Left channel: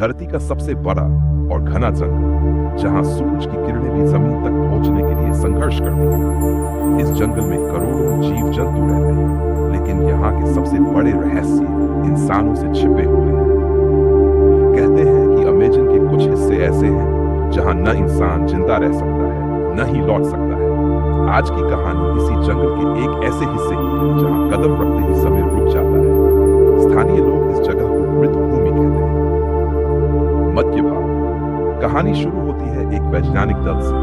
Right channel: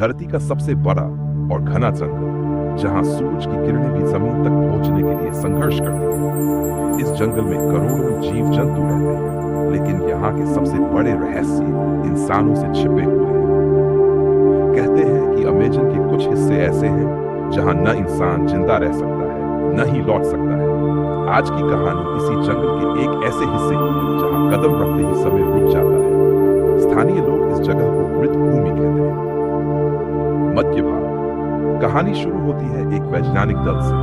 धरती का सबसे बड़ा और घना जंगल, जहां सूरज की किरणें भी जमीन तक पहुंचने के लिए संघर्ष करती हैं। इस जंगल में करोड़ों जीव जंतु रहते हैं, लेकिन यहाँ के सबसे बड़े रहस्य इंसानों से छिपे हुए हैं। कहते हैं कि अमेजन के कुछ हिस्से ऐसे हैं जहां न इंसान जिंदा रह सकता है, न ही लौट सकता है। आज की कहानी इसी जंगल के एक ऐसे हिस्से की है जहां कदम रखते ही समय रुक जाता है। स्थानीय लोग इस जगह को मृत भूमि कहते हैं। मध्य भाग। कहानी शुरू होती है एक वैज्ञानिक दल से,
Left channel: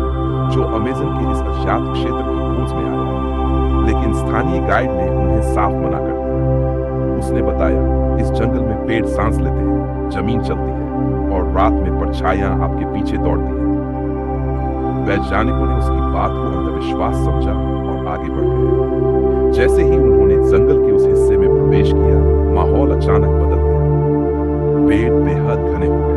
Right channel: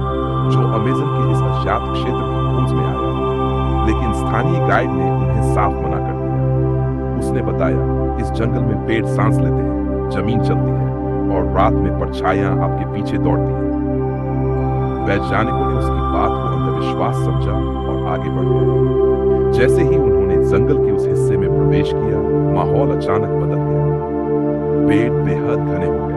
जो अमेजन के इस अज्ञात क्षेत्र की खोज में आया, लेकिन स्थानीय गाइड ने उन्हें साफ मना कर दिया। उसने बताया, इस जंगल में पेड़ सांस लेते हैं, जमीन चलती है और रात में परछाइयां आपके पीछे दौड़ती हैं। वैज्ञानिकों ने उसकी बात को अंधविश्वास समझा और आगे बढ़ गए। जैसे ही उन्होंने जंगल के उस हिस्से में प्रवेश किया, माहौल अचानक बदल गया। पेड़ बेहद घने हो गए,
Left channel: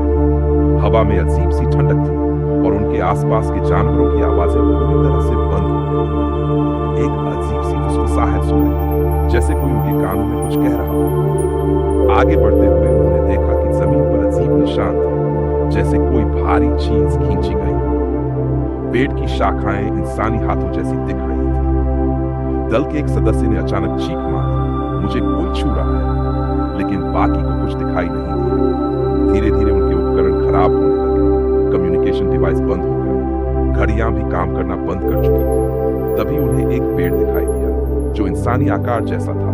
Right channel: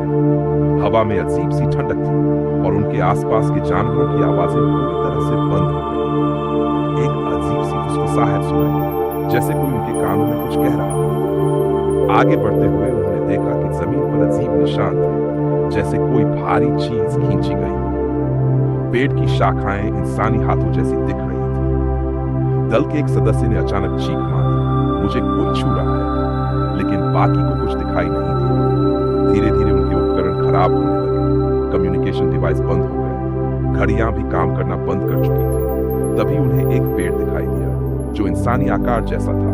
हवा में अजीब सी ठंडक थी और उनके आसपास के जानवरों की आवाजें पूरी तरह से बंद हो गई। एक अजीब सी फुसफुसाहट सुनाई, जैसे कोई उनके कानों में कुछ कह रहा हो। आगे बढ़ते हुए उन्होंने देखा कि जमीन पर अजीब निशान थे, जैसे कोई भारी चीज खींची गई। पेड़ की शाखाएं इंसानी हाथों जैसी दिख रही थी। दल के एक सदस्य ने अचानक चीख मारी, मुझे कोई छू रहा है, लेकिन बाकी को कुछ दिखाई नहीं दिया। धीरे धीरे उनके उपकरण खराब होने लगे, कम्युनिकेशन डिवाइस बंद हो गए, घड़ियां भी काम करना बंद कर चुकी थी। तभी उन्हें एक पेड़ दिखाई दिया, जो इंसानी आकार जैसा था।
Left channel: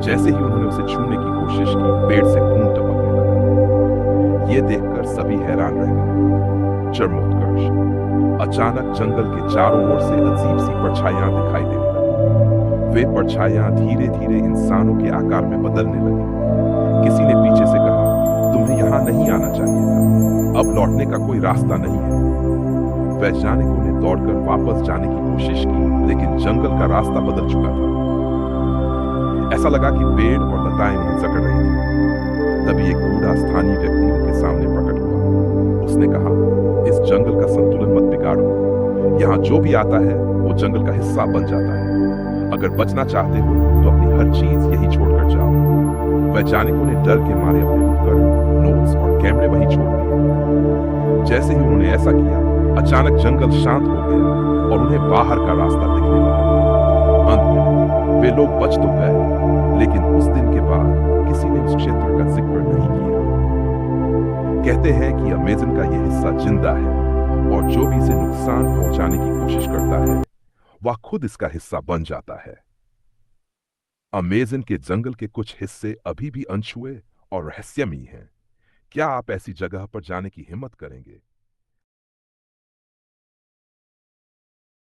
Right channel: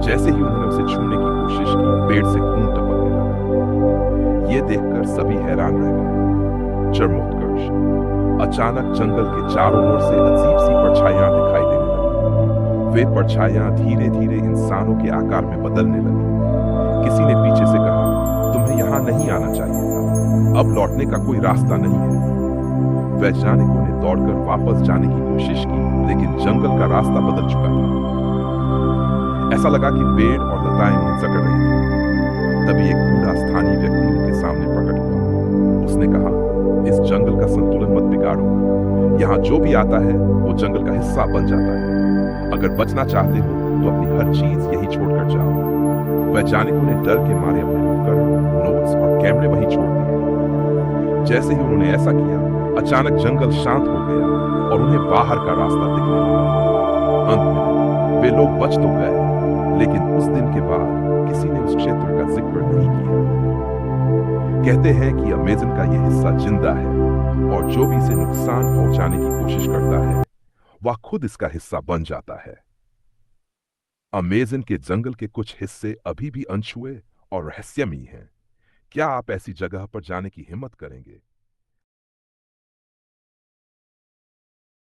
जैसे ही उन्होंने उसे छूने की कोशिश की, पेड़ से खून टपकने लगा। ये देखकर सभी हैरान रह गए। चरमोत्कर्ष। अचानक जंगल के चारों ओर से अजीब सी परछाइयां दिखाई देने लगी। वे परछाइयां धीरे धीरे इंसानों के आकार में बदलने लगी। किसी ने पीछे से कहा, तुम्हें यहां नहीं आना चाहिए था, अब लौटने का कोई रास्ता नहीं है। वैज्ञानिकों ने दौड़कर वापस जाने की कोशिश की, लेकिन जंगल का रास्ता बदल चुका था। ऐसा लगा कि पेड़ और लताएं उन्हें जकड़ रही थी। तभी एक बूढ़ा स्थानीय व्यक्ति उनके सामने प्रकट हुआ। उसने कहा, इस जंगल का संतुलन मत बिगाड़ो। यहाँ जो भी आता है वो जंगल का हिस्सा बन जाता है। अगर बचना चाहते हो तो अपनी हर चीज यही छोड़कर जाओ। वैज्ञानिकों ने डर के मारे अपने उपकरण, नोट्स और कैमरे वहीं छोड़ दिए। जैसे ही उन्होंने ऐसा किया, अचानक जंगल शांत हो गया और उन्हें बाहर का रास्ता दिखने लगा। अंत में वे लोग बच तो गए, लेकिन उस दिन के बाद किसी ने उस क्षेत्र का जिक्र नहीं किया। कहते हैं कि अमेजन का यह हिस्सा जिंदा है और जो भी इसे नुकसान पहुंचाने की कोशिश करता है, वह खुद इसका हिस्सा बन जाता है। अमेजन के जंगल के कुछ हिस्से अभी भी अनछुए और रहस्यमयी हैं। क्या आप ऐसी जगह पर जाने की हिम्मत करेंगे?